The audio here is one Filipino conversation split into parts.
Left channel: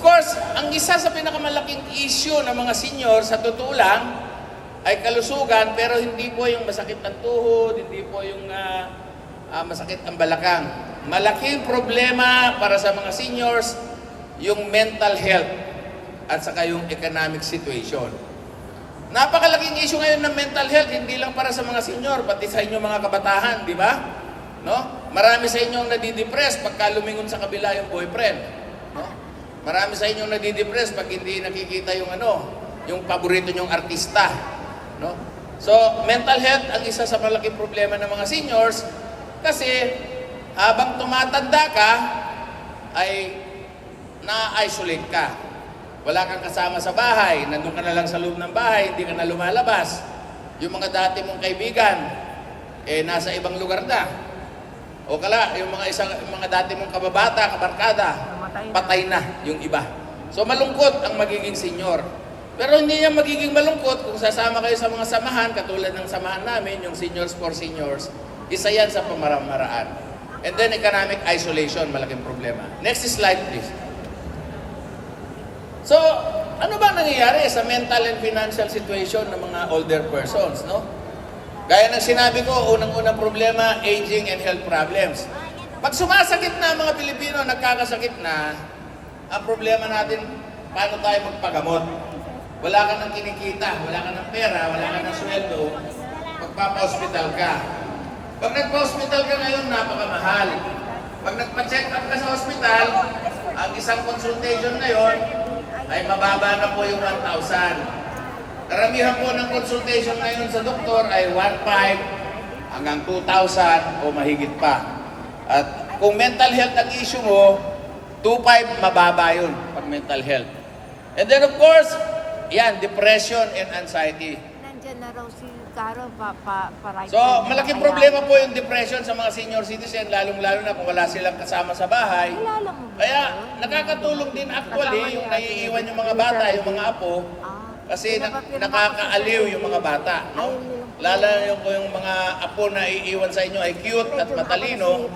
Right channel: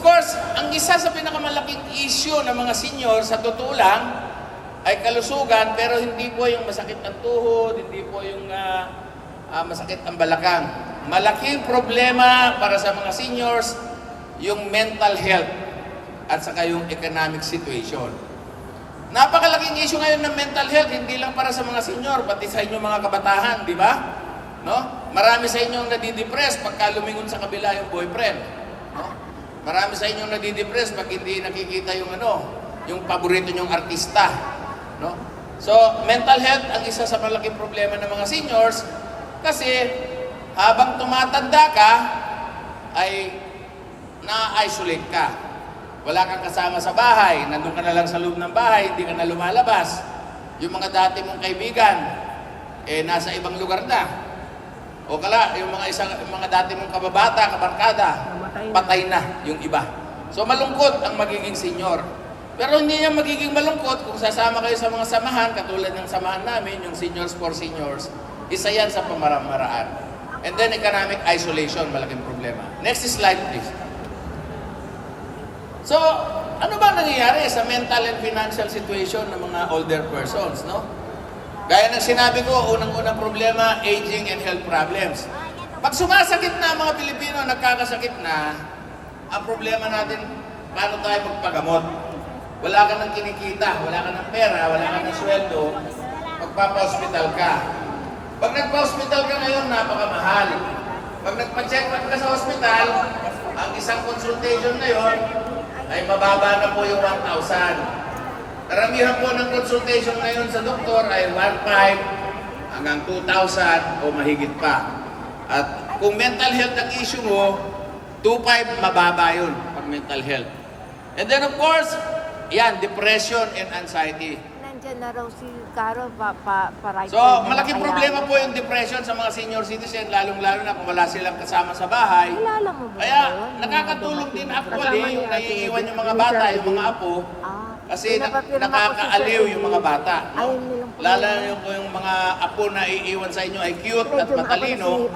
course, ang isa sa pinakamalaking issue ng mga senior sa totoo lang ay kalusugan, pero hindi po yung masakit ang tuhod, hindi po yung masakit ang balakang. Malaking problema para sa mga seniors yung mental health at saka yung economic situation. Napakalaking issue ngayon ng mental health, hindi lang para sa mga senior, pati sa inyong mga kabatahan, di ba? No? Marami sa inyong nadidepress pagka lumingon sa kabila yung boyfriend. No? Marami sa inyong nadidepress pag hindi nakikita yung yung paborito nyong artista. No? So, mental health ang isa sa malaking problema ng mga seniors kasi habang tumatanda ka ay na-isolate ka. Wala kang kasama sa bahay, nandun ka na lang sa loob ng bahay, hindi ka na lumalabas. Yung mga dati mong kaibigan, nasa ibang lugar na. O kala, yung mga dati mong kababata, kabarkada, patay na yung iba. So malungkot ang magiging senior. Pero hindi niya magiging malungkot kung sasama kayo sa mga samahan, katulad ng samahan namin, yung Seniors for Seniors. Isa yan sa pamamaraan. And then economic isolation, malaking problema. Next slide, please. So, ano ba nangyayari sa mental and financial situation ng mga older persons, no? Gaya ng sinabi ko, unang-unang problema, aging and health problems. Pag sumasakit na ang mga Pilipino, nagkakasakit na, ang problema natin, paano tayo magpagamot? Wala ka ng kinikita, wala ka ng pera, wala ka ng sweldo, magpapa-hospital ka. Pag nagpa-hospital ka ngayon, napakamahal. Pag nagpa-check up ka sa hospital, ang isang consultation na yon ay mababa na po yung 1,000. Karamihan po ng consultation ngayon sa doktor ay 1,500 hanggang 2,000 o mahigit pa. At kung mental health ang issue mo, 2,500 mababa yun pag mental health. And then of course, yan, depression and anxiety. Nandiyan na raw si Caro para So, malaking problema po yung depression sa mga senior citizen, lalong-lalo na kung wala silang kasama sa bahay. Kilala mo ba? Kaya, nakakatulong din actually yung naiiwan yung mga bata, yung mga apo, kasi nakakaaliw yung mga bata, no? Lalo yung mga apo na iiwan sa inyo ay cute at matalino,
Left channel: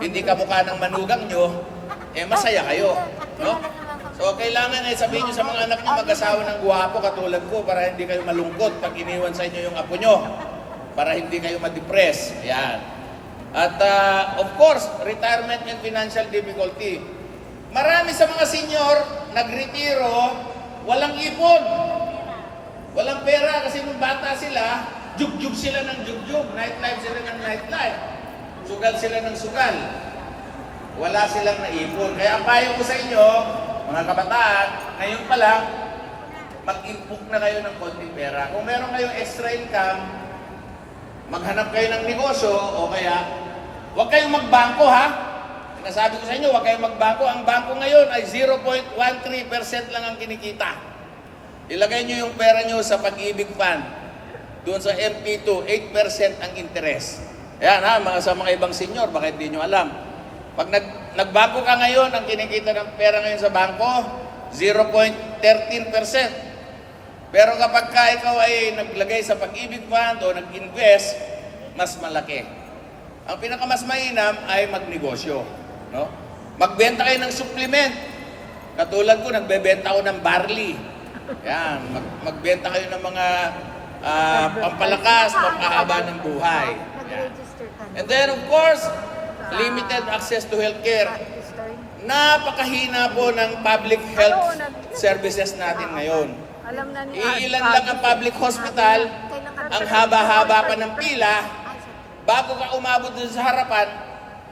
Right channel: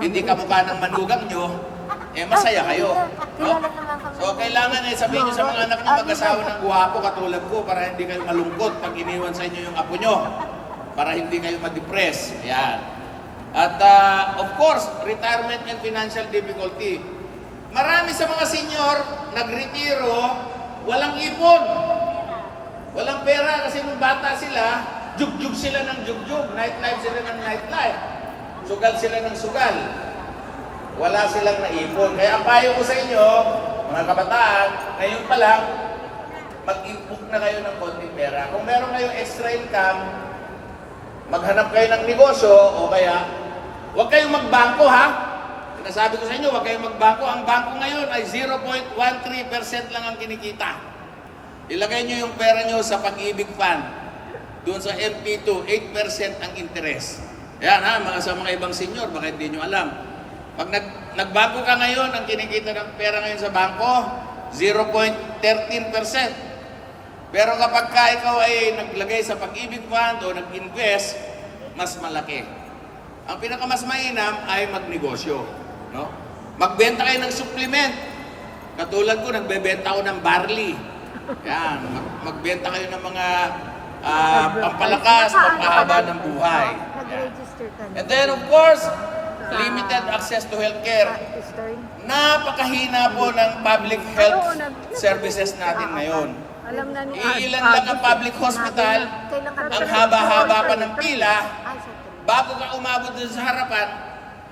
hindi kamukha ng manugang nyo, masaya kayo, no? So, kailangan sabihin nyo sa mga anak nyo, mag-asawa ng guwapo katulad ko para hindi kayo malungkot pag iniwan sa inyo yung apo nyo. Para hindi kayo ma-depress. Ayan. At of course, retirement and financial difficulty. Marami sa mga senior, nagretiro, walang ipon. Walang pera kasi nung bata sila, jugjug sila ng jugjug, nightlife sila ng nightlife. Sugal sila ng sugal. Wala silang naipon. Kaya ang payo ko sa inyo, mga kabataan, ngayon pa lang, mag-impok na kayo ng konting pera. Kung meron kayong extra income, maghanap kayo ng negosyo o kaya, huwag kayong magbangko ha. Sinasabi ko sa inyo, huwag kayong magbangko. Ang bangko ngayon ay 0.13% lang ang kinikita. Ilagay nyo yung pera nyo sa Pag-ibig Fund. Doon sa MP2, 8% ang interest. Ayan ha, sa mga ibang senior, baka hindi nyo alam. Pag nagbangko ka ngayon, ang kinikita ng pera ngayon sa bangko, 0.13%. Pero kapag ikaw ay naglagay sa Pag-ibig Fund o nag-invest, mas malaki. Ang pinakamas mainam ay magnegosyo. No? Magbenta kayo ng supplement. Katulad ko, nagbebenta ako ng barley. Yan, magbenta kayo ng mga pampalakas, pampahaba ng buhay. Yan. And then of course, limited access to healthcare. Napakahina po ng public health services natin ngayon. Iilan lang ang public hospital, ang haba-haba pa ng pila, bago ka umabot dun sa harapan,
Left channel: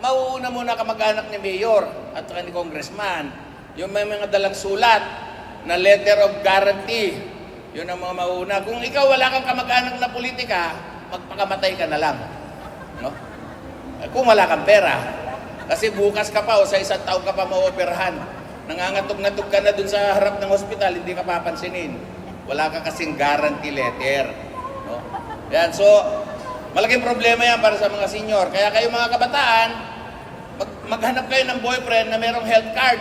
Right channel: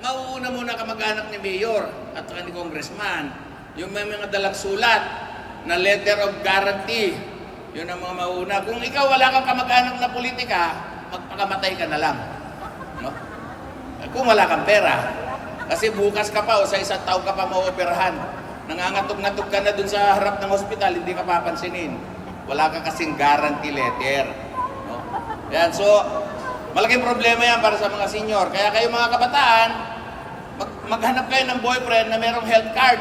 mauuna muna kamag-anak ni Mayor at ni Congressman. Yung may mga dalang sulat na letter of guarantee, yun ang mga mauna. Kung ikaw wala kang kamag-anak na politika, magpakamatay ka na lang. No? Kung wala kang pera. Kasi bukas ka pa o sa isang taon ka pa maoperahan. Nangangatog-ngatog ka na dun sa harap ng hospital, hindi ka papansinin. Wala ka kasing guarantee letter. No? Yan, so, malaking problema yan para sa mga senior. Kaya kayo mga kabataan, maghanap kayo ng boyfriend na merong health card.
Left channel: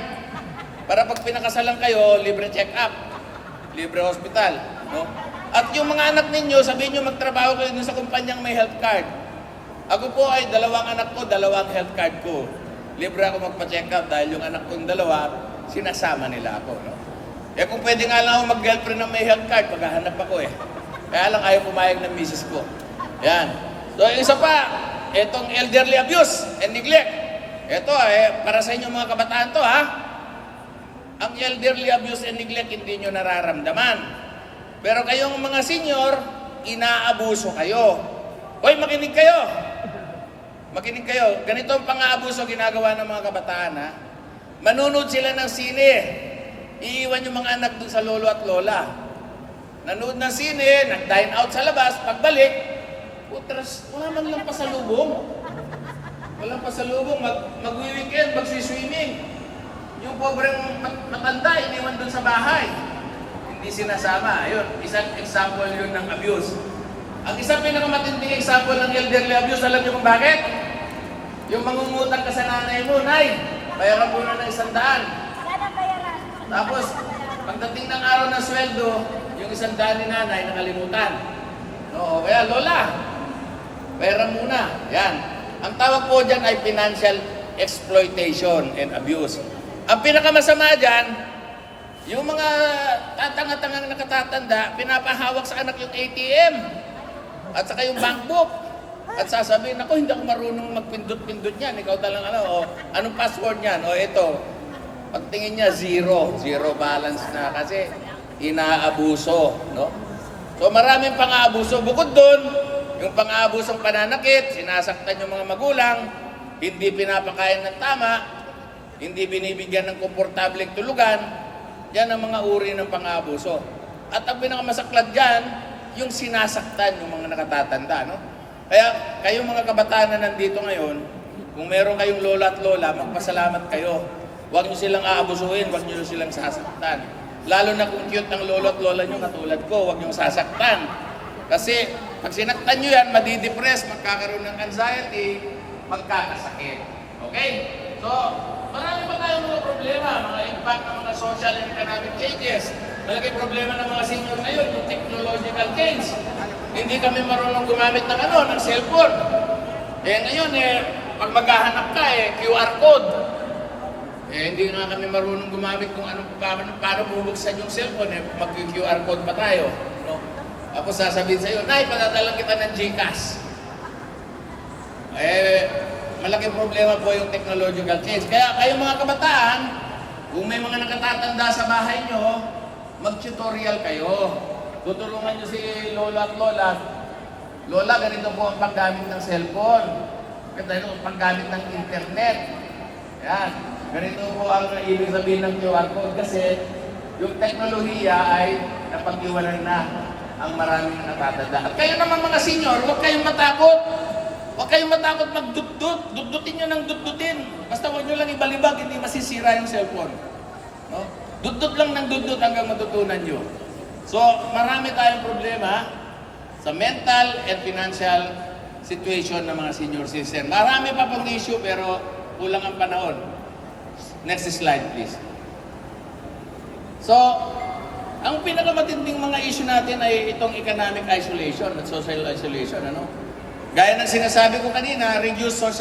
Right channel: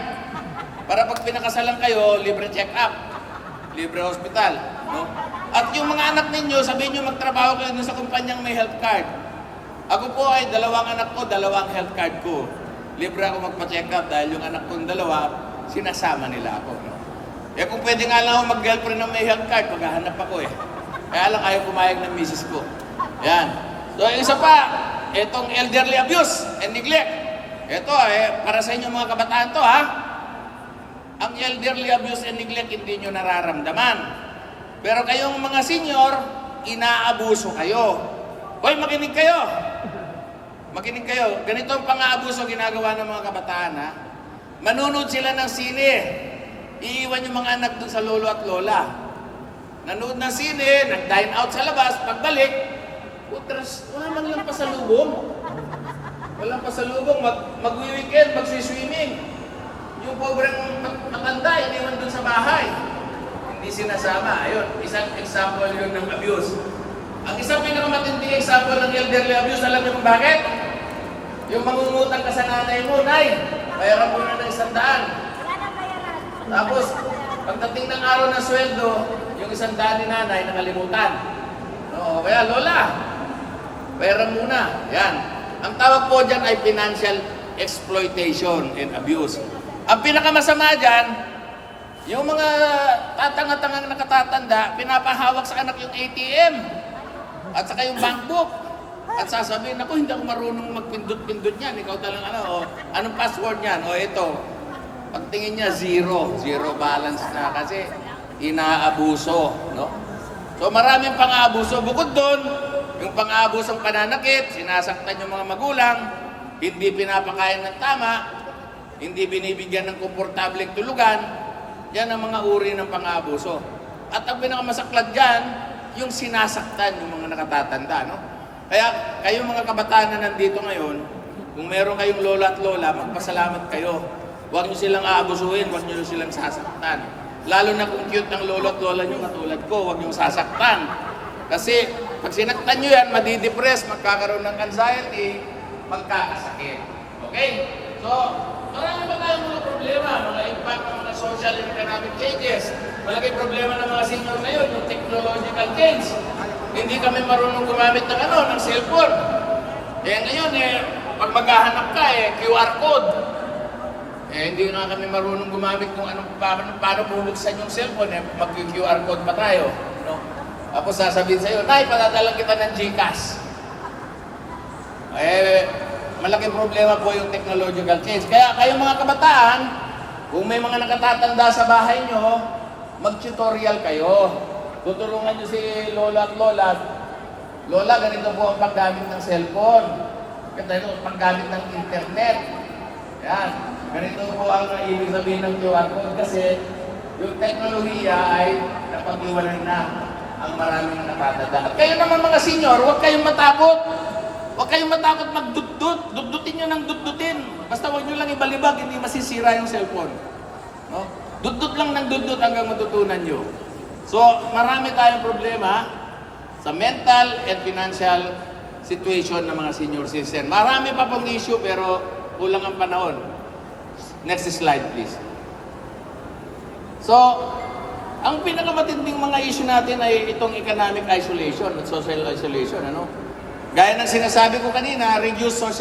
Para pag pinakasalan kayo, libre check-up, libre hospital. No? At yung mga anak ninyo, sabihin nyo magtrabaho kayo dun sa kumpanyang may health card. Ako po ay 2 anak ko, 2 health card ko. Libre ako magpa-check up dahil yung anak kong 2, sinasama nila ako. No? Eh kung pwede nga lang ako mag-girlfriend ng may health card, maghahanap ako eh. Kaya lang ayaw pumayag ng misis ko. Yan. So isa pa, itong elderly abuse and neglect. Ito para sa inyo mga kabataan to ha. Ang elderly abuse and neglect hindi nyo nararamdaman. Pero kayong mga senior, inaabuso kayo. Hoy, makinig kayo. Makinig kayo. Ganito ang pang-aabuso ginagawa ng mga kabataan ha. Manunod sila ng sine. Iiwan yung mga anak dun sa lolo at lola. Nanood ng sine, nag-dine out sa labas, pagbalik, utras, wala man lang pasalubong. Walang pasalubong, mag-weekend, magsiswimming. Yung pobreng matanda, iniwan dun sa bahay. Hindi sinasama. Ayun, isang example yun ng abuse. Ang isang pinakamatinding example ng elderly abuse, alam niyo kung bakit? Yung mangungutang ka sa nanay mo, Nay, bayaran mo na ng 100. Tapos, pagdating ng araw ng sweldo, yung 100 ni nanay nakalimutan. Oo, kaya Lola, bayaran muna. Yan. Ang tawag po dyan ay financial exploitation and abuse. Ang pinakamasama dyan, yung mga tatanga-tangang nakatatanda, pinapahawak sa anak yung ATM at saka yung bank book. At sasabihin, ako hindi ako marunong magpindot-pindot niyan. Ikaw talang anong password niyan? O ito, pagtingin niya, zero balance na kasi inaabuso. No? So maraming pang-aabuso. Bukod doon, yung pang-aabusong pananakit, sinasaktan yung mga magulang, hindi pinapakain ng tama, hindi binibigyan ng komportableng tulugan, yan ang mga uri ng pang-aabuso. At ang pinakamasaklad dyan, yung sinasaktan yung mga nakatatanda. No? Kaya kayong mga kabataan na nandito ngayon, kung meron kayong lola at lola, magpasalamat kayo. Huwag nyo silang aabusuhin, huwag nyo silang sasaktan. Lalo na kung cute ang lolo at lola nyo, katulad ko, huwag nyo sasaktan. Kasi pag sinaktan nyo yan, madidepress, magkakaroon ng anxiety, magkakasakit. Okay? So, marami pa tayong mga problema, mga impact ng mga social and economic changes. Malaki problema ng mga senior ngayon, yung technological change. Hindi kami marunong gumamit ng cellphone. Ngayon, pag maghahanap ka, QR code. Hindi na kami marunong gumamit kung paano bubuksan yung cellphone, mag-QR code pa tayo. No? Tapos sasabihin sa'yo, Nay, patadalang kita ng GCash. Malaking problema po yung technological change. Kaya kayong mga kabataan, kung may mga nakatatanda sa bahay nyo, mag-tutorial kayo. Tutulungan nyo si Lola at Lola. Lola, ganito po ang paggamit ng cellphone. Ganito ang paggamit ng internet. Yan. Ganito po ang ibig sabihin ng QR code kasi yung teknolohiya ay napag-iwanan na ang maraming nakatatanda. Kayo naman mga senior, huwag kayong matakot. Huwag kayong matakot magdudut. Dudutin nyo ng dudutin. Basta huwag nyo lang ibalibag, hindi masisira yung cellphone. No? Dudut lang ng dudut hanggang matutunan nyo. So, marami tayong problema sa mental and financial situation ng mga senior citizen. Marami pa pong issue pero kulang ang panahon. Next slide, please. So, ang pinakamatinding mga issue natin ay itong economic isolation at social isolation. Gaya ng sinasabi ko kanina, reduce social